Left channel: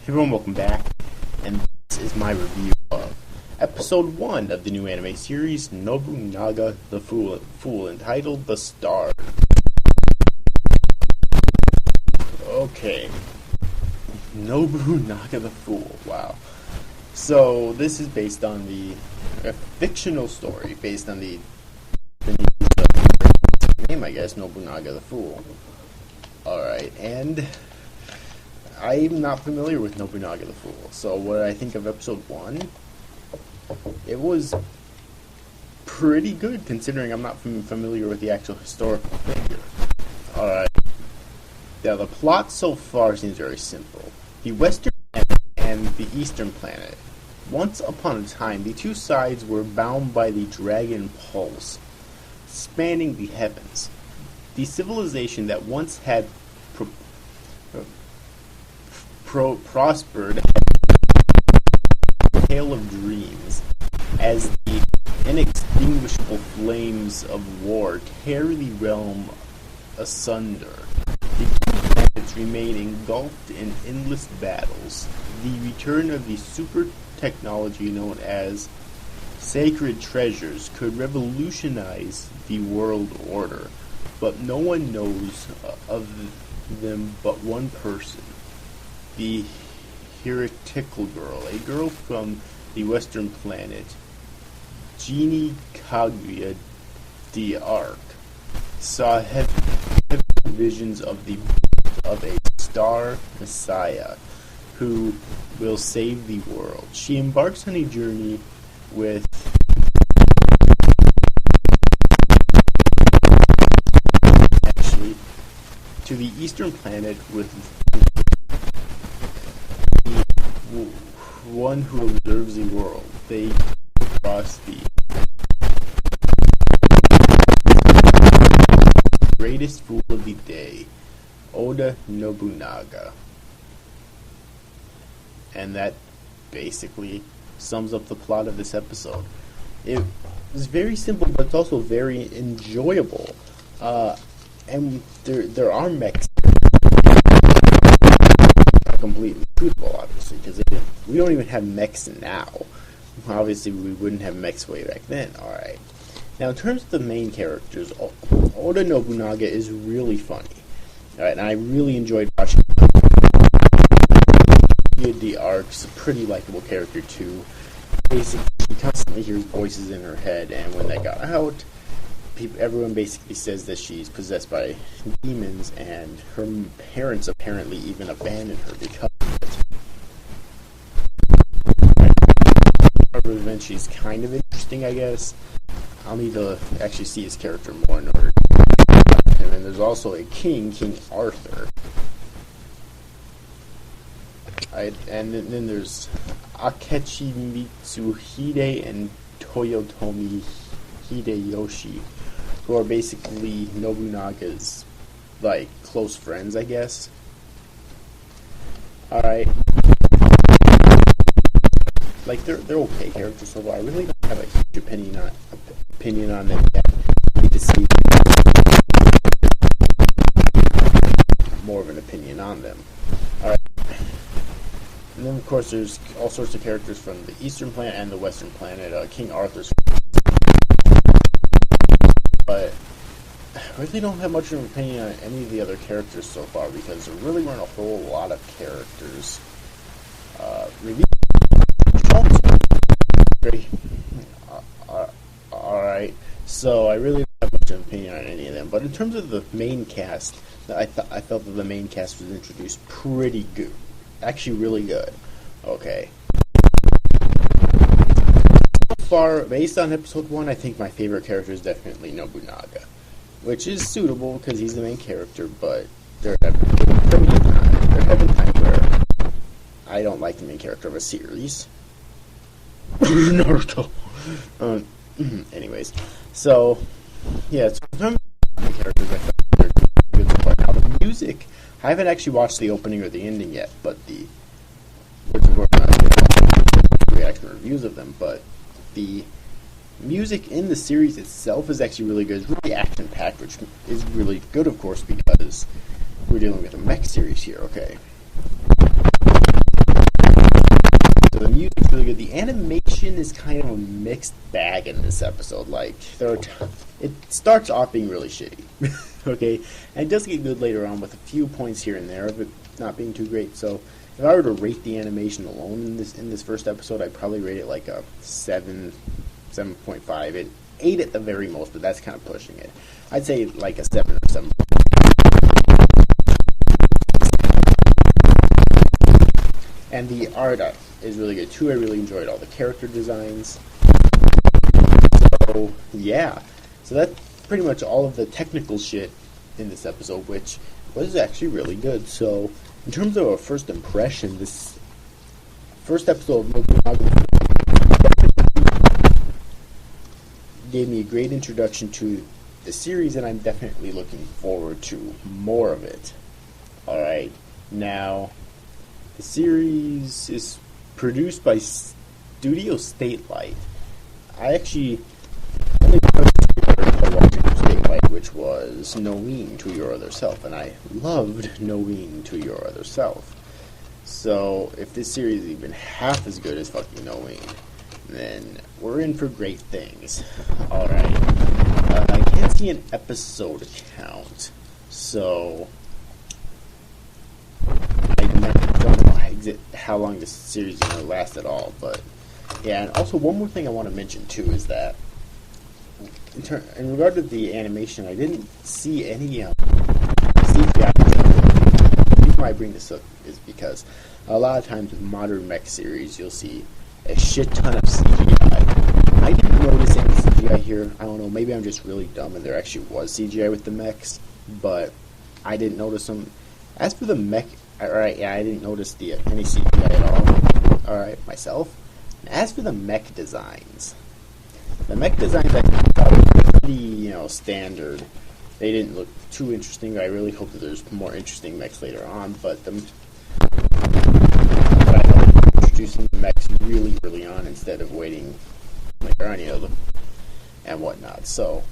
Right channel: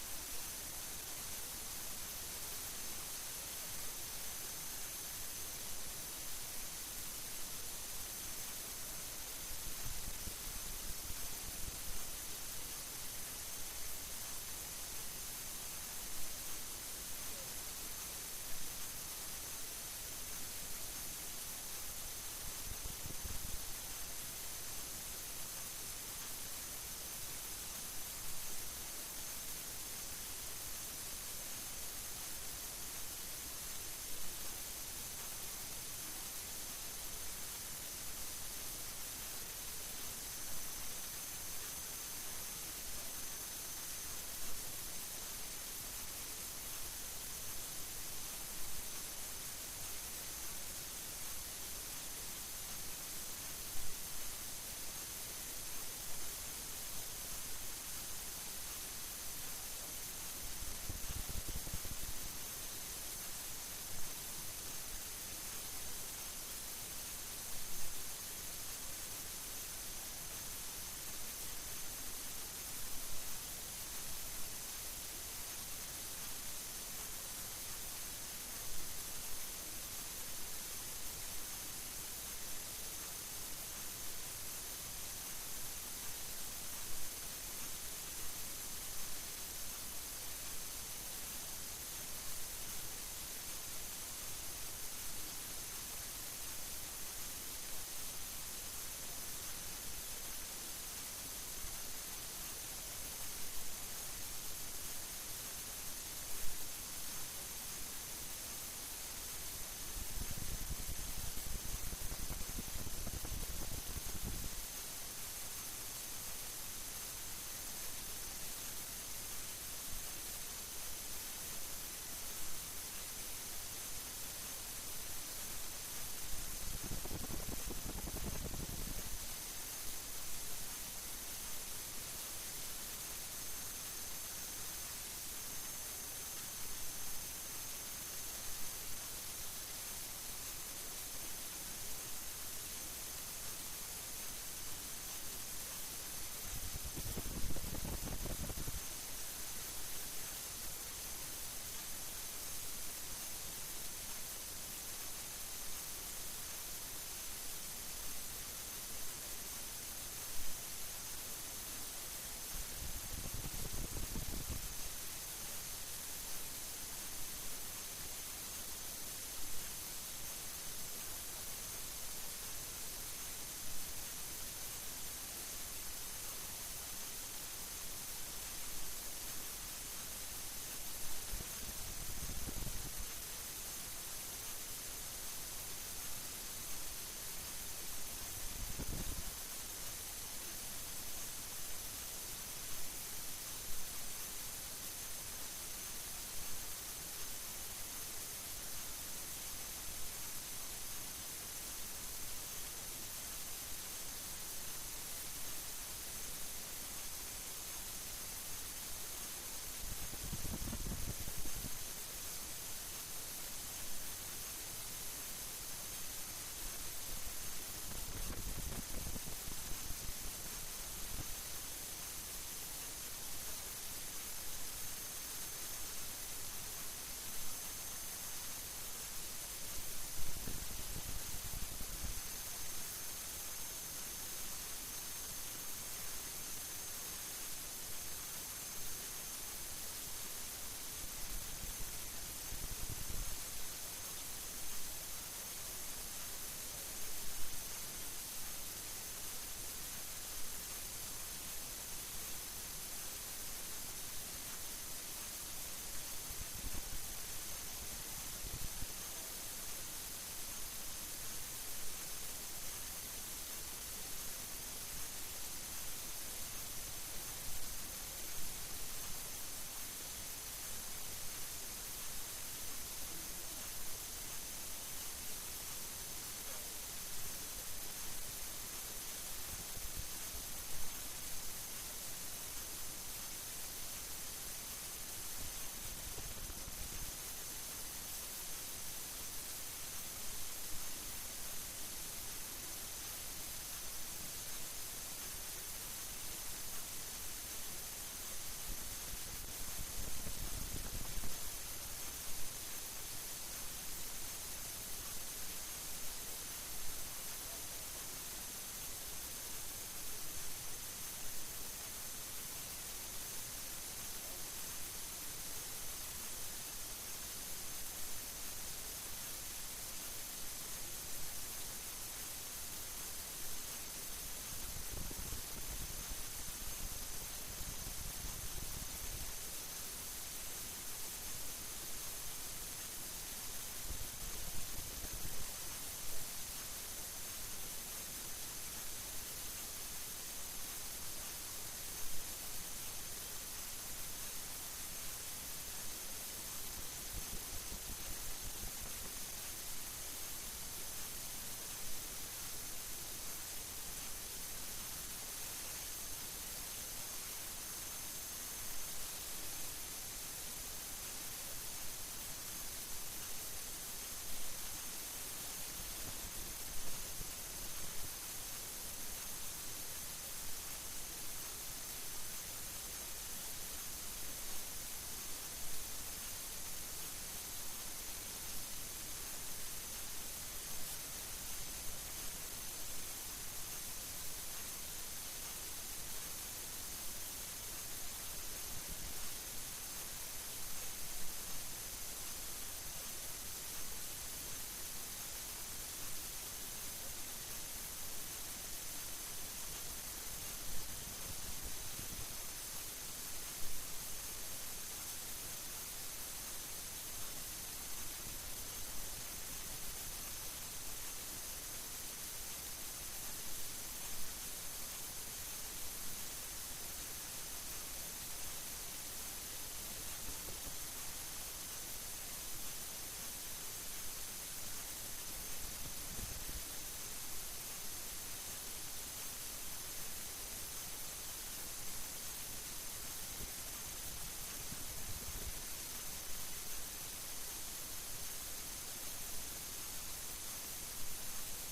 Hey everyone, welcome back, and this is my review of episode 1 of the new anime series, Nobunaga the Fool, entitled The Star. Okay, Nobunaga the Fool, wow. So, this is based on a fictional story, based on the name, I guess, Nobunaga the Fool. Alright, and I'm not familiar with Nobunaga the Fool, so what I think of episode 1, it was pretty good considering I'm not familiar with the actual historical figure. Alright, now the plot so far seems very simple. The Western planet and the Eastern planet. Once upon a time, the two sides were bound by the Dragon Pulse, spanning the heavens. The civilization that once had prospered a tale of dreams as the inextinguishable flames of war tear the realm asunder. The two planets remain engulfed in endless battles. The return of the super technology known as sacred treasures could revolutionize the world order, but no one knows of them but one person. The heretical girl, a girl from the western planet, Genie Kaguya d'Arc, saw heavy visions of a star messiah who will save the world. She embarks on a journey with to the eastern planet with one who observes the world. They cross the greatest fool of the day, Oda Nobunaga. And that basically sums up the plot of this episode. It is very simple, but it's also very enjoyable. And there are mechs. Completely truthful, obviously, because we don't even have mechs now. Obviously, we wouldn't have mechs way back then. Alright. Now, in terms of the main characters, Oda Nobunaga is really funny. Alright, and I really enjoyed watching the Arc's a pretty likable character, too. Basically, she constantly hears voices in her head, and when they got out, everyone basically says that she's possessed by demons, and her parents apparently even abandoned her because of it. Revenge, she's kind of interesting, I guess. I'll need to actually see his character more in order to him. And there's also a king, King Arthur. And then there's Akechi Mitsuhide and Toyotomi Hideyoshi, who are basically Nobunaga's, like, close friends, I guess. Alright. Like, they're okay characters so far. I really don't have a huge opinion on them yet. I need to see more of an opinion on them. Alright. And then, of course, there's all sorts of characters from the Eastern planet and the Western planet. King Arthur's. But I really don't have much of an opinion on any of the other characters so far because there really weren't a whole lot of characters. Alright, so I really don't have much of an opinion on any of them. But in terms of the main cast, I felt that the main cast was introduced pretty good. Actually, really good. Okay. So far, based on episode 1, I think my favorite character is definitely Nobunaga, which is suitable because he's the main character, but there have been times where I don't like the main character of a series. Naruto. Anyways, so yeah, so in terms of the characters, I thought they're good so far. Now the music, I haven't actually watched the opening or the ending yet, but reaction reviews of them, but the music in the series itself is actually really good. It's really action-packed, which is really good, of course, because we're dealing with a mech series here, okay? mixed bag in this episode. Like, it starts off being really shitty, okay, and it does get good later on with a few points here and there of it not being too great. So if I were to rate the animation alone in this first episode, I'd probably rate it like a 7.5. It 8 at the very most, but that's kind of pushing it. I'd say like a 7 or 7. And the art is really good too. I really enjoyed all the character designs. So yeah, so that's pretty much all of the technical shit in this episode, which was actually really good. So in terms of a first impression, this first episode of Nobunaga gave me a great introduction to the series, and I'm definitely looking forward to more of it. Alright, now the series is produced by Studio Statelight. I actually only watching Statelight, which was Knowing to Your Other Self, and I loved Knowing to Your Other Self. So if this series is even half as good as fucking Knowing, then we're in for great things. Alright, I can't see an episode count, so I don't know how long this series is going to last at all. But yeah, and also one more thing I want to mention too is that in regard to the animation, I didn't see any CGI. The reason why I bring this up is because a lot of times in modern mech series, you'll see a shit ton of CGI. I didn't notice any CGI here. I don't know, maybe I'm just really dumb and there actually was CGI with the mechs, but I didn't notice them. As for the mech, alright, yeah, I didn't notice any CGI at all, alright, myself. And as for the mech designs, I thought were pretty, standard. They didn't look too interesting. I really hope that there's more interesting mechs later on, but I thought introducing the mechs really early on instead of waiting later on, and whatnot. So,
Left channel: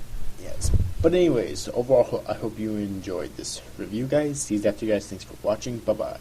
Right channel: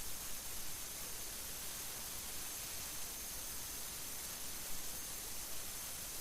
yes. But anyways, overall, I hope you enjoyed this review, guys. See you after, guys. Thanks for watching. Bye-bye.